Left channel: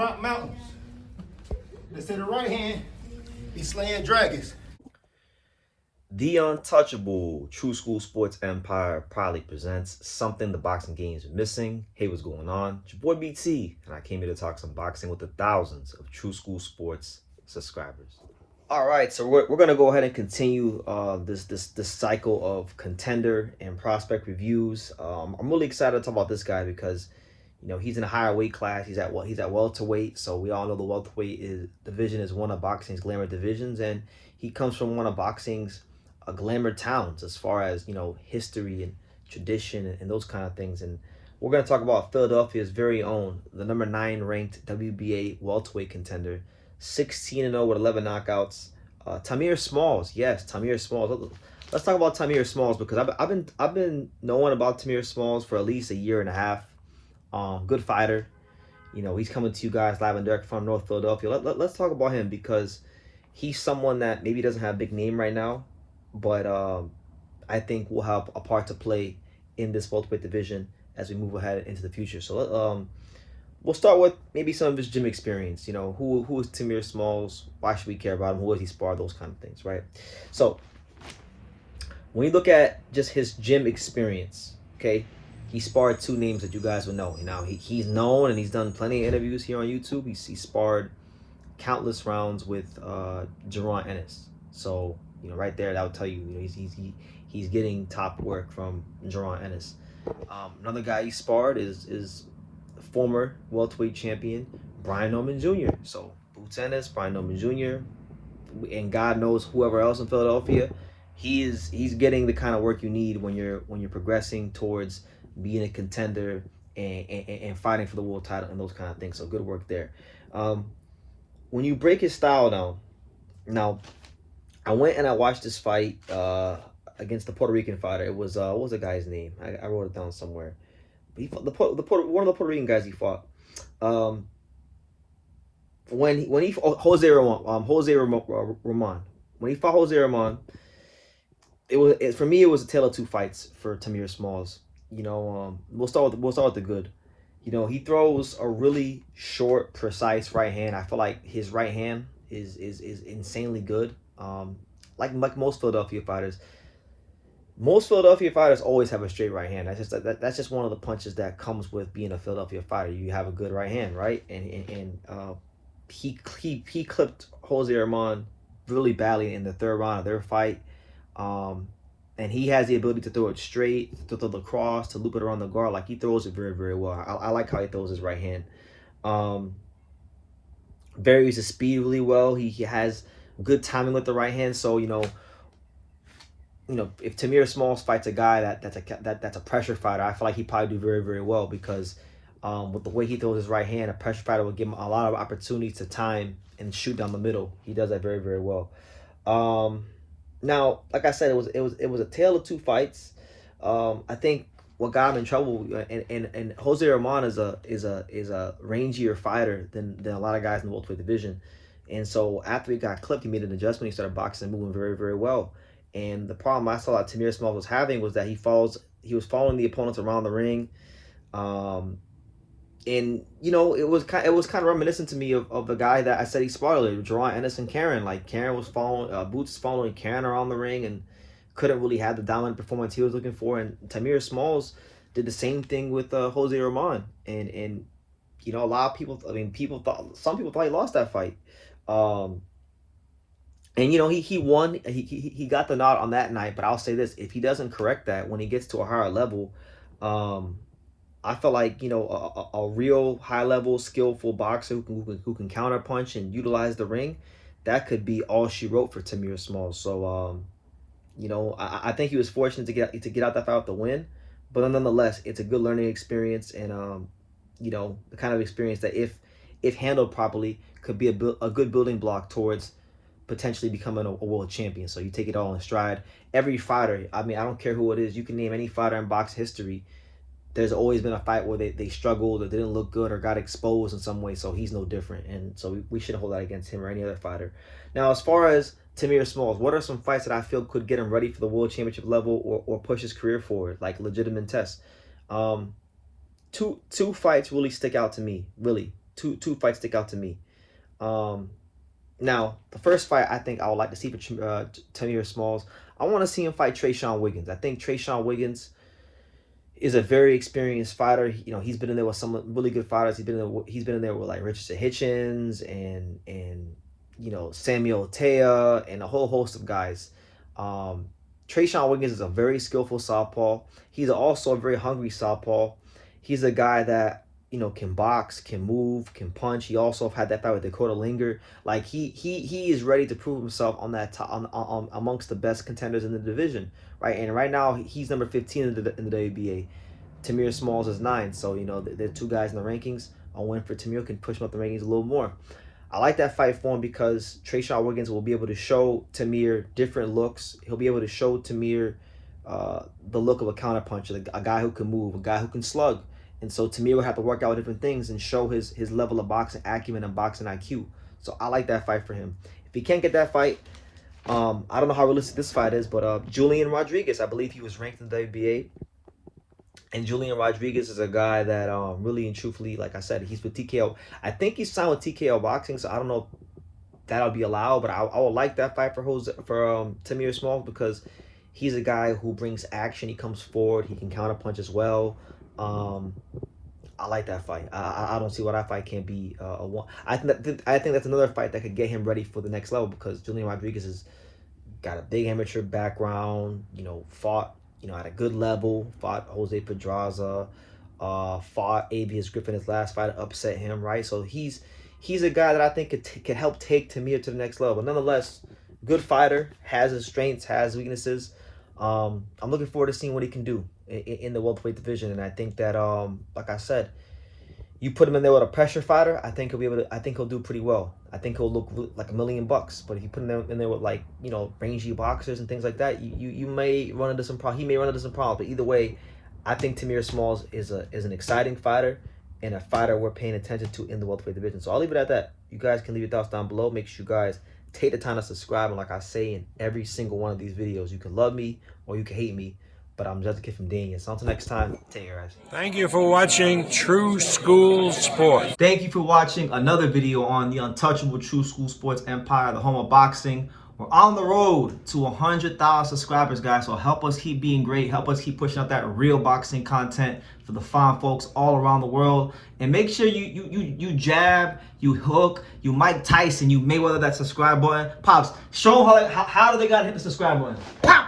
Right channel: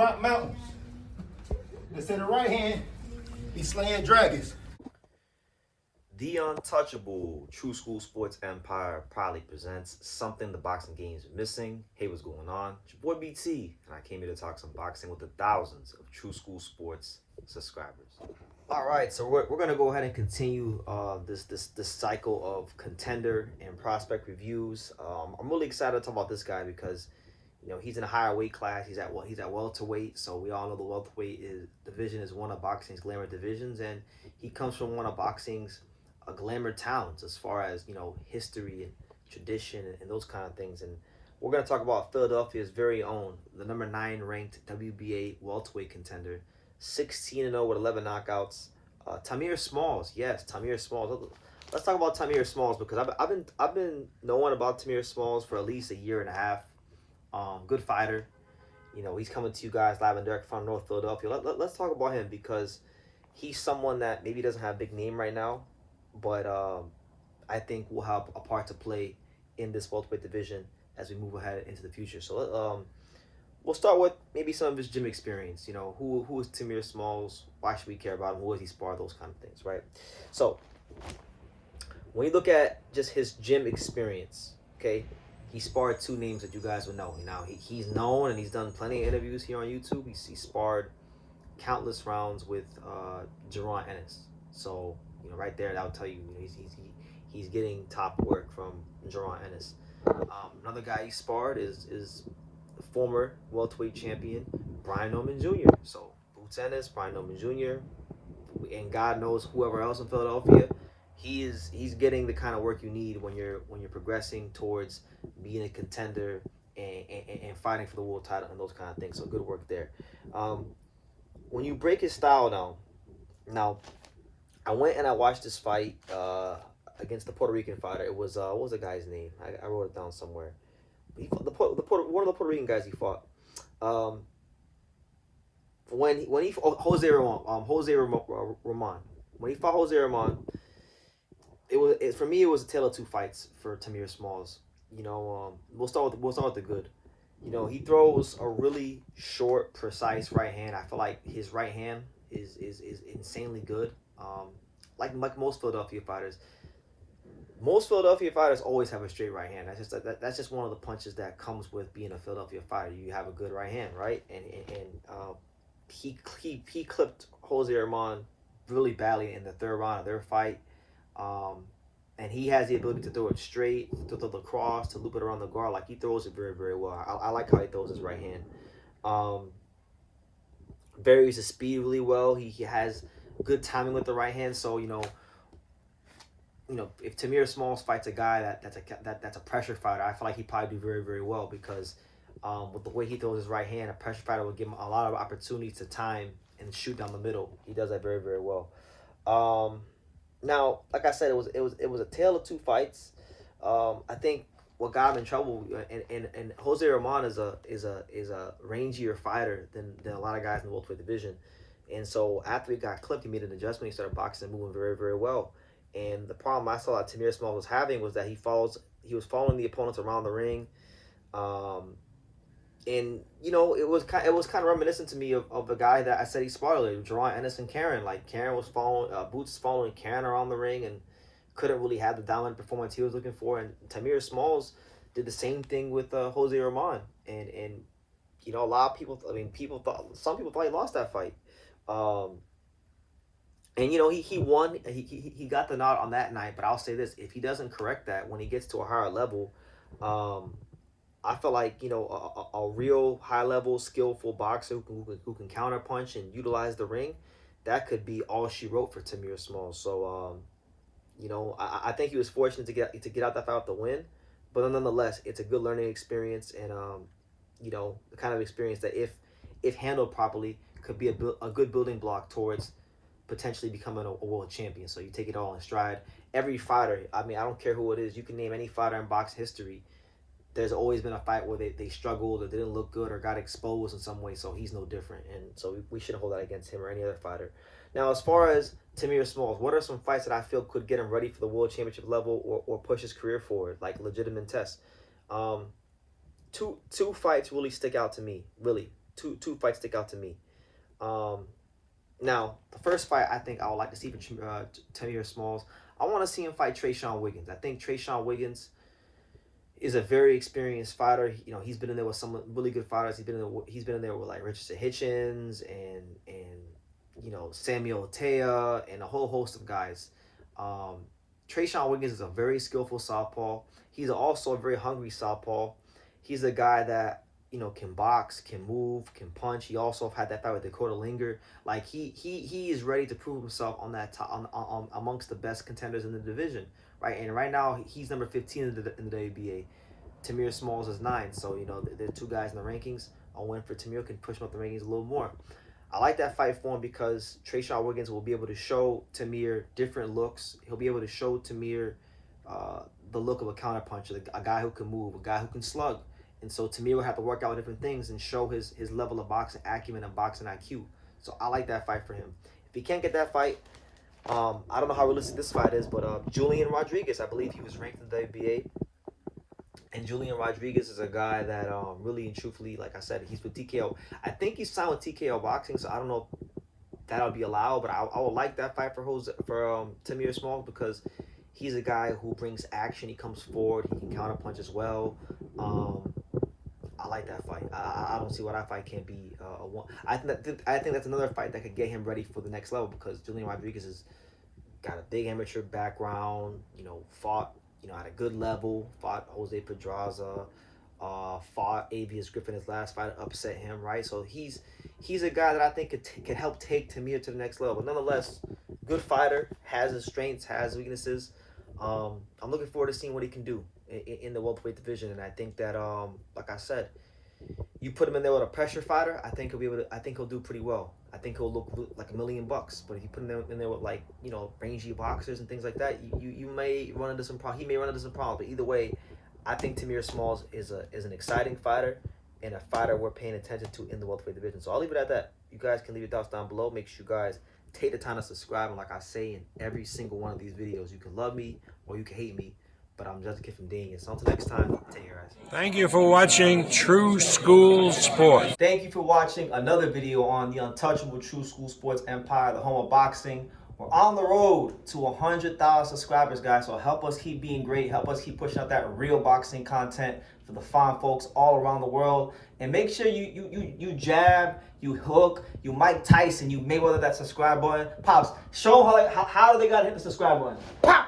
drop mountains. Let's say the right hand be slaying dragons. The untouchable True School Sports Empire proudly presents something the boxing game is missing. Hey, what's going on? It's your boy BT, and I came here to talk some boxing with the thousands of True School Sports subscribers. All right, so we're gonna go ahead and continue this cycle of contender and prospect reviews. I'm really excited to talk about this guy because he's in a higher weight class. He's at welterweight, so we all know the welterweight division is one of boxing's glamour divisions, and he comes from one of boxing's glamour towns as far as history and tradition and those kind of things. And we're going to talk about Philadelphia's very own, the number 9 ranked WBA welterweight contender, 16-0 with 11 knockouts, Tahmir Smalls. Yes, Tahmir Smalls. Let's talk about Tahmir Smalls because I've been knowing about Tahmir Smalls for at least a year and a half. Good fighter. He's coming to you guys live and direct from North Philadelphia. Let's talk about him because he's someone that maybe doesn't have a big name right now, but I think will have a part to play in this welterweight division as we move ahead into the future. So we'll start with maybe some of his gym experience. Who is Tahmir Smalls? Why should we care about him? Who has he sparred? Those kind of things, right? So when you look at just his gym experience, okay, he sparred 2 names that you guys will know. Now he's known and he's done plenty of interviews here on YouTube. He sparred countless rounds with Jaron Ennis. So right there, that would tell you, he's getting top work from Jaron Ennis. Another guy he sparred is former welterweight champion Brian Norman Jr. So Boots Ennis, Brian Norman Jr., and God knows whoever else in Philadelphia. He's getting the kind of work you need when you're progressing towards being a contender and fighting for the world title and those kind of things. So good work there. When you break his style down, now I went and I watched this fight against the Puerto Rican fighter. It was what was the guy's name? I wrote it down somewhere. He fought one of the Puerto Rican guys he fought. Jose Ramon. When he fought Jose Ramon, for me it was a tale of 2 fights for Tahmir Smalls. We'll start with the good. He throws a really short, precise right hand. I feel like his right hand is insanely good. Like most Philadelphia fighters. Most Philadelphia fighters always have a straight right hand. That's just one of the punches that comes with being a Philadelphia fighter. You have a good right hand, right? And he clipped Jose Ramon really badly in the 3rd round of their fight. And he has the ability to throw it straight, to throw the cross, to loop it around the guard. Like, he throws it very, very well. I like how he throws his right hand. Varies his speed really well. He has good timing with the right hand. So, if Tahmir Smalls fights a guy that's a pressure fighter, I feel like he'd probably do very, very well because with the way he throws his right hand, a pressure fighter will give him a lot of opportunities to time and shoot down the middle. He does that very, very well. Now, like I said, it was a tale of 2 fights. I think what got him in trouble, and Jose Ramon is a rangier fighter than a lot of guys in the welterweight division, and so after he got clipped, he made an adjustment. He started boxing and moving very, very well. And the problem I saw that Tahmir Smalls was having was that he was following the opponents around the ring, and it was kind of reminiscent to me of the guy that I said he sparred earlier, Jaron Ennis and Karen. Like, Karen was Boots following Karen around the ring and couldn't really have the dominant performance he was looking for. And Tahmir Smalls did the same thing with Jose Ramon. And a lot of people, some people thought he lost that fight. And he won. He got the nod on that night. But I'll say this: if he doesn't correct that when he gets to a higher level, I feel like a real high level skillful boxer who can counter punch and utilize the ring, that could be all she wrote for Tahmir Smalls. So I think he was fortunate to get out that fight with the win, but nonetheless, it's a good learning experience and the kind of experience that if handled properly could be a good building block towards potentially becoming a world champion. So you take it all in stride. Every fighter, I don't care who it is, you can name any fighter in box history. There's always been a fight where they struggled or didn't look good or got exposed in some way, so he's no different. And so we shouldn't hold that against him or any other fighter. Now, as far as Tahmir Smalls, what are some fights that I feel could get him ready for the world championship level or push his career forward, like legitimate tests? Two fights really stick out to me, really. two fights stick out to me. Now, the first fight I think I would like to see for Tahmir Smalls, I want to see him fight Trayshawn Wiggins. I think Trayshawn Wiggins is a very experienced fighter. You know, he's been in there with some really good fighters. He's been in there with like Richardson Hitchens and you know, Samuel Tea and a whole host of guys. Trayshawn Wiggins is a very skillful southpaw. He's also a very hungry southpaw. He's a guy that, you know, can box, can move, can punch. He also had that fight with Dakota Linger. Like he is ready to prove himself on that amongst the best contenders in the division, right? And right now he's number 15 in the WBA. Tahmir Smalls is 9. So, you know, there are two guys in the rankings. A win for Tahmir can push him up the rankings a little more. I like that fight for him because Trayshawn Wiggins will be able to show Tahmir different looks. He'll be able to show Tahmir the look of a counterpuncher, a guy who can move, a guy who can slug. And so Tahmir will have to work out different things and show his level of boxing acumen and boxing IQ. So I like that fight for him. If he can't get that fight, I don't know how realistic this fight is, but Julian Rodriguez, I believe he was ranked in the WBA. And Julian Rodriguez is a guy that really and truthfully, like I said, he's with TKO. I think he's signed with TKO Boxing, so I don't know if that'll be allowed, but I would like that fight for Tahmir Smalls because he's a guy who brings action. He comes forward. He can counterpunch as well. I like that fight. I don't see why that fight can't be a one. I think that's another fight that could get him ready for the next level because Julian Rodriguez has got a big amateur background. You know, fought, you know, at a good level. Fought Jose Pedraza. Fought Abius Griffin his last fight, upset him, right? So he's a guy that I think could help take Tahmir to the next level. But nonetheless, good fighter, has his strengths, has weaknesses. I'm looking forward to seeing what he can do in the welterweight division, and I think that like I said, you put him in there with a pressure fighter, I think he'll do pretty well. I think he'll look like $1 million. But if you put him in there with, like, you know, rangy boxers and things like that, you may run into some problems. He may run into some problems. But either way, I think Tahmir Smalls is an exciting fighter and a fighter we're paying attention to in the welterweight division. So I'll leave it at that. You guys can leave your thoughts down below. Make sure you guys take the time to subscribe. And like I say in every single one of these videos, you can love me or you can hate me, but I'm just a kid from Daniel. So until next time, take care, guys. Thank you for watching True School Sports. Thank you for watching another video on the untouchable True School Sports Empire, the home of boxing. We're on the road to 100,000 subscribers, guys. So help us keep being great. Help us keep pushing out that real boxing content for the fine folks all around the world. And make sure you jab, you hook, you Mike Tyson, you Mayweather that subscribe button. Pops, show them how do they gotta hit the subscribe button. Pow!